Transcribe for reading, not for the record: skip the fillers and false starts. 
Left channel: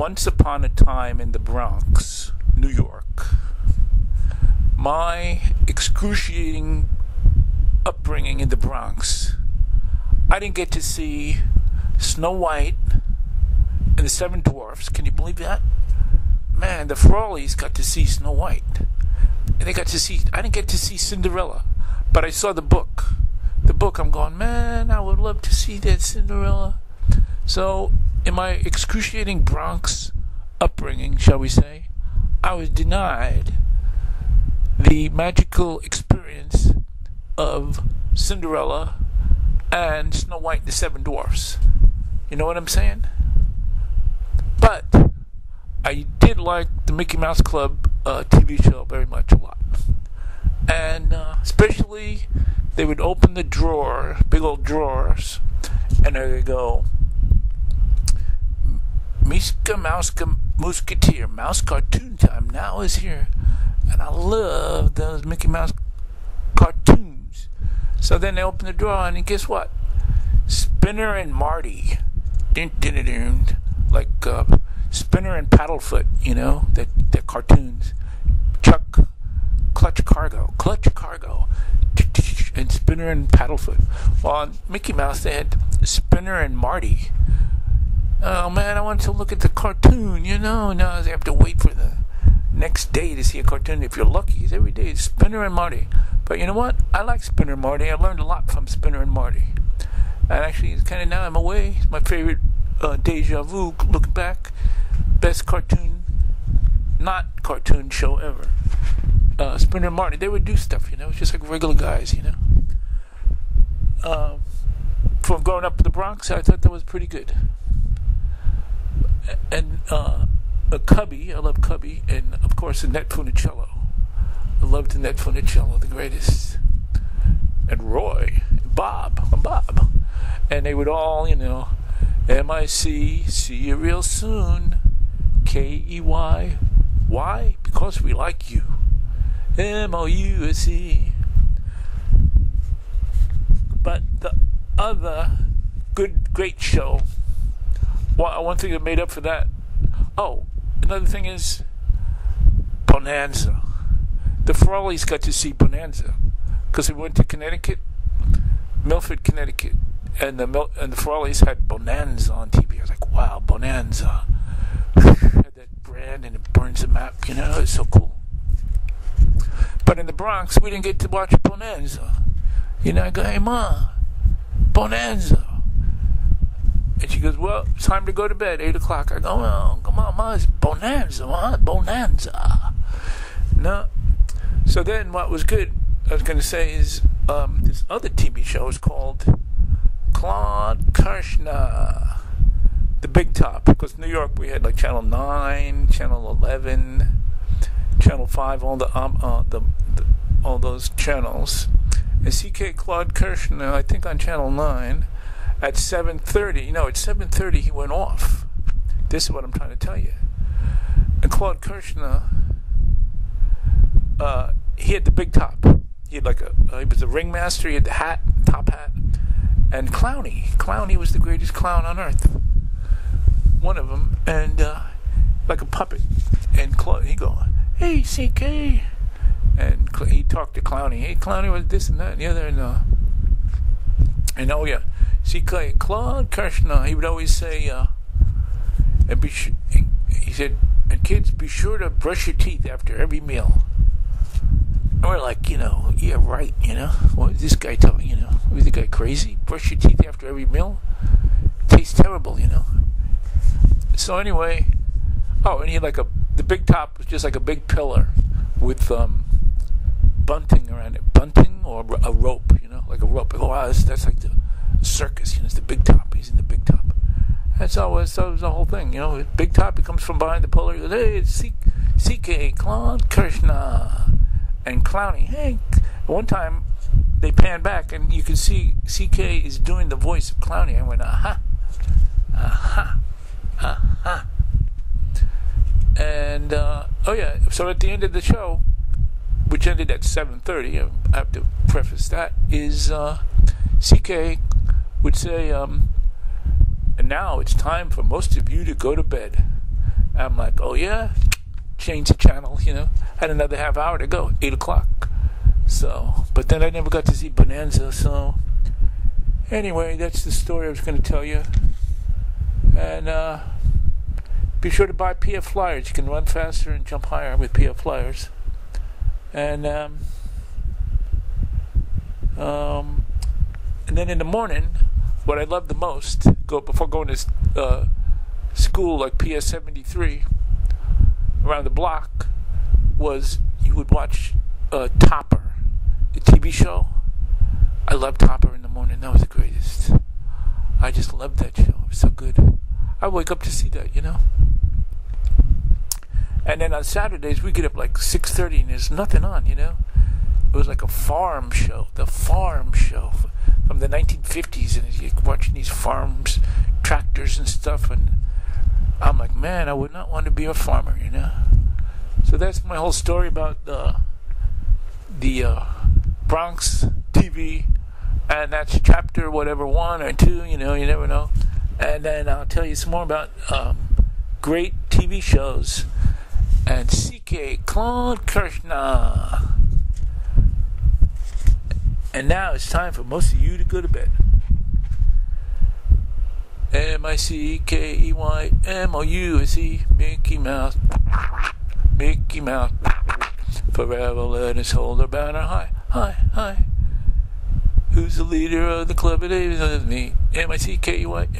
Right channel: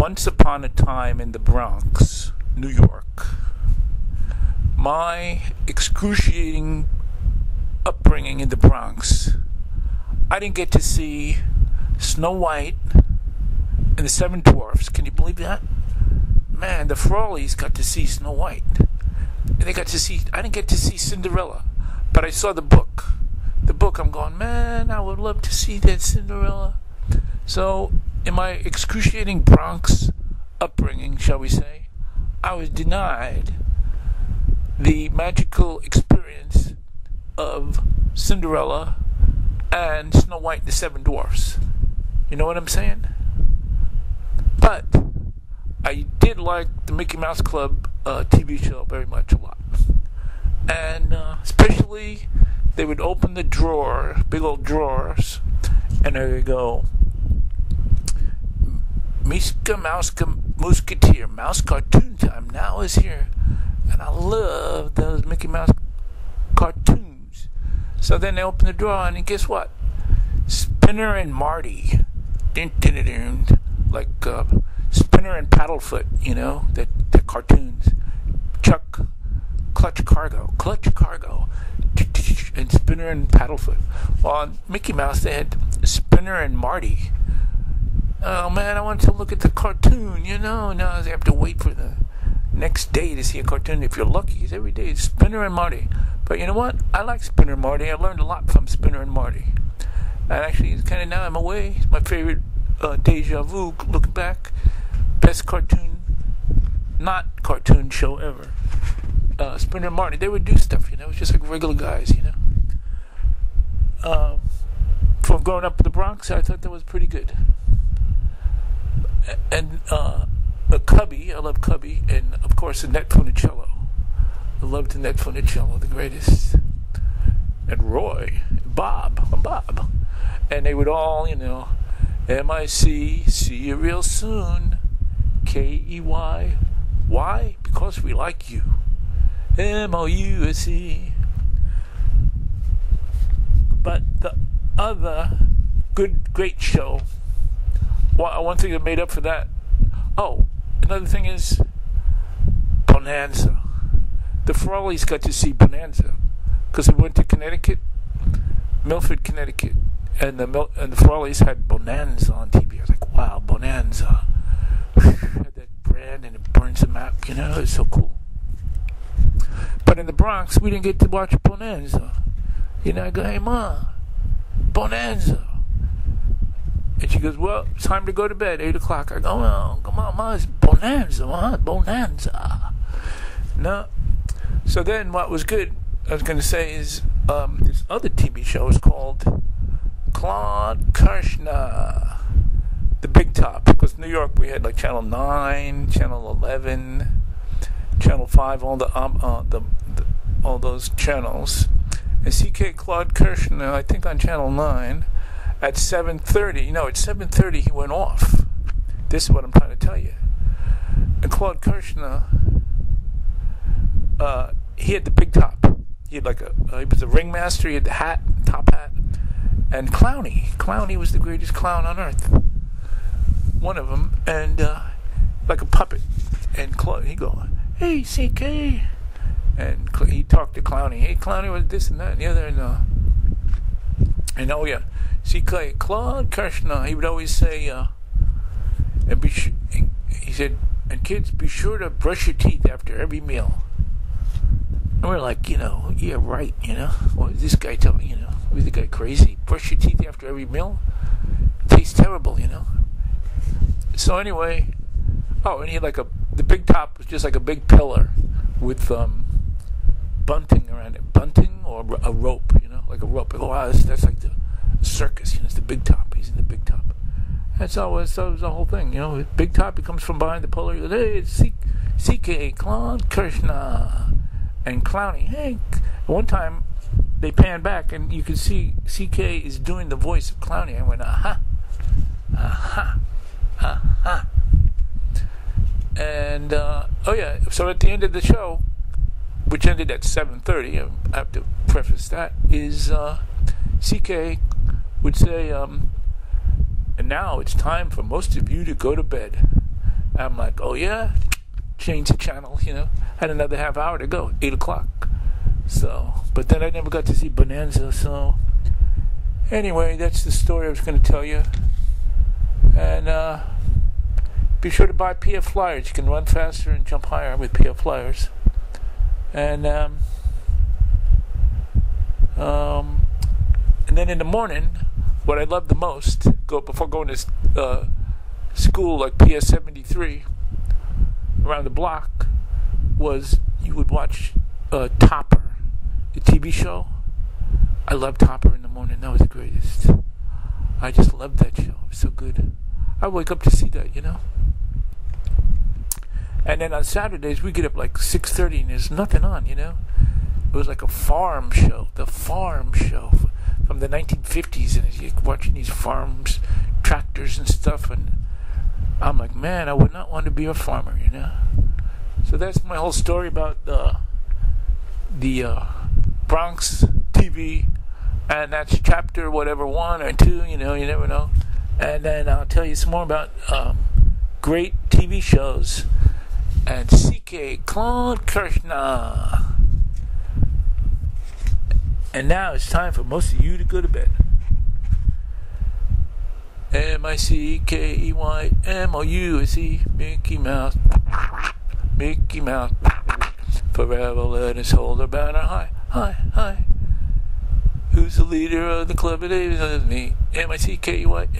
once upon a time in the Bronx, New York, my excruciating upbringing in the Bronx, I didn't get to see Snow White and the Seven Dwarfs. Can you believe that? Man, the Frawleys got to see Snow White. And I didn't get to see Cinderella, but I saw the book. The book, I'm going, man, I would love to see that Cinderella. So, in my excruciating Bronx upbringing, shall we say, I was denied the magical experience of Cinderella and Snow White and the Seven Dwarfs. You know what I'm saying? But I did like the Mickey Mouse Club TV show very much, a lot. And especially, they would open the drawer, big old drawers, and they would go, Miska Mouska Musketeer, Mouse Cartoon Time now is here. And I love those Mickey Mouse cartoons. So then they open the drawer, and guess what? Spinner and Marty. Dun, dun, dun, dun. Like Spinner and Paddlefoot, you know, the cartoons. Chuck, Clutch Cargo, and Spinner and Paddlefoot. Well, on Mickey Mouse, they had Spinner and Marty. Oh man, I wanted to look at the cartoon, you know. Now I have to wait for the next day to see a cartoon. If you're lucky, it's every day. It's Spinner and Marty. But you know what? I like Spinner and Marty. I learned a lot from Spinner and Marty. And actually, it's kind of now I'm away. It's my favorite deja vu, looking back. Best cartoon, not cartoon show ever. Spinner and Marty, they would do stuff, you know. It's just like regular guys, you know. From growing up in the Bronx, I thought that was pretty good. And Cubby, I love Cubby, and of course Annette Funicello. I loved Annette Funicello, the greatest. And Roy, Bob, and they would all, you know, M-I-C, see you real soon, K-E-Y, why? Because we like you, M-O-U-S-E. But the other great show, one thing that made up for that, another thing is Bonanza. The Frawleys got to see Bonanza because we went to Connecticut, Milford, Connecticut, and the Frawleys had Bonanza on TV. I was like, wow, Bonanza. Had that brand and it burns the map, you know, it's so cool. But in the Bronx, we didn't get to watch Bonanza. You know, I go, hey, Ma, Bonanza. And she goes, well, it's time to go to bed, 8 o'clock. I go, well, come on, Ma, it's Bonanza, Ma, Bonanza. No. So then what was good, I was going to say, is this other TV show is called Claude Kirchner, The Big Top. Because New York, we had like Channel 9, Channel 11, Channel 5, all those channels. And C.K. Claude Kirchner, I think on Channel 9, at 7:30, you know, at 7:30 he went off. This is what I'm trying to tell you. And Claude Kirchner, he had the big top. He had like he was a ringmaster. He had the hat, top hat, and Clownie was the greatest clown on earth. One of them, and like a puppet. And Claude, he go, hey CK, and he talked to Clownie. Hey Clownie was this and that and the other, and oh yeah, CK Claude Kirchner. He would always say, he said, and kids, be sure to brush your teeth after every meal. And we're like, you know, yeah, right, you know. What is this guy telling me, you know? Was the guy crazy? Brush your teeth after every meal? It tastes terrible, you know. So anyway, and he had the big top was just like a big pillar with bunting around it. Bunting or a rope, you know, like a rope. Oh, wow, that's like the circus, you know, it's the big top. He's in the big top. That was the whole thing, you know. Big top, he comes from behind the pillar. He goes, hey, it's CK, Claude Kirchner. And Clownie, hey. One time, they pan back, and you can see CK is doing the voice of Clownie. I went, aha, aha, aha. And, so at the end of the show, which ended at 7:30, I have to preface that, is CK would say, and now it's time for most of you to go to bed. I'm like, oh yeah, change the channel, Had another half hour to go, 8 o'clock. So, but then I never got to see Bonanza, so anyway, that's the story I was going to tell you. And be sure to buy PF Flyers. You can run faster and jump higher with PF Flyers. And then in the morning, what I love the most, before going to school like PS 73 around the block, was you would watch Topper, the TV show. I loved Topper in the morning. That was the greatest. I just loved that show. It was so good. I wake up to see that, And then on Saturdays, we get up like 6:30 and there's nothing on, It was like a farm show. The farm show from the 1950s. And you're watching these farms, tractors and stuff. And I'm like, man, I would not want to be a farmer, So that's my whole story about the Bronx TV. And that's chapter whatever 1 or 2, you never know. And then I'll tell you some more about great TV shows. And CLAUDE KIRCHNER. And now it's time for most of you to go to bed. MICKEYMOUSE, Mickey Mouse. Mickey Mouse. Forever let us hold our banner high, high, high. Who's the leader of the club today? Me. MICKEYMOUSE.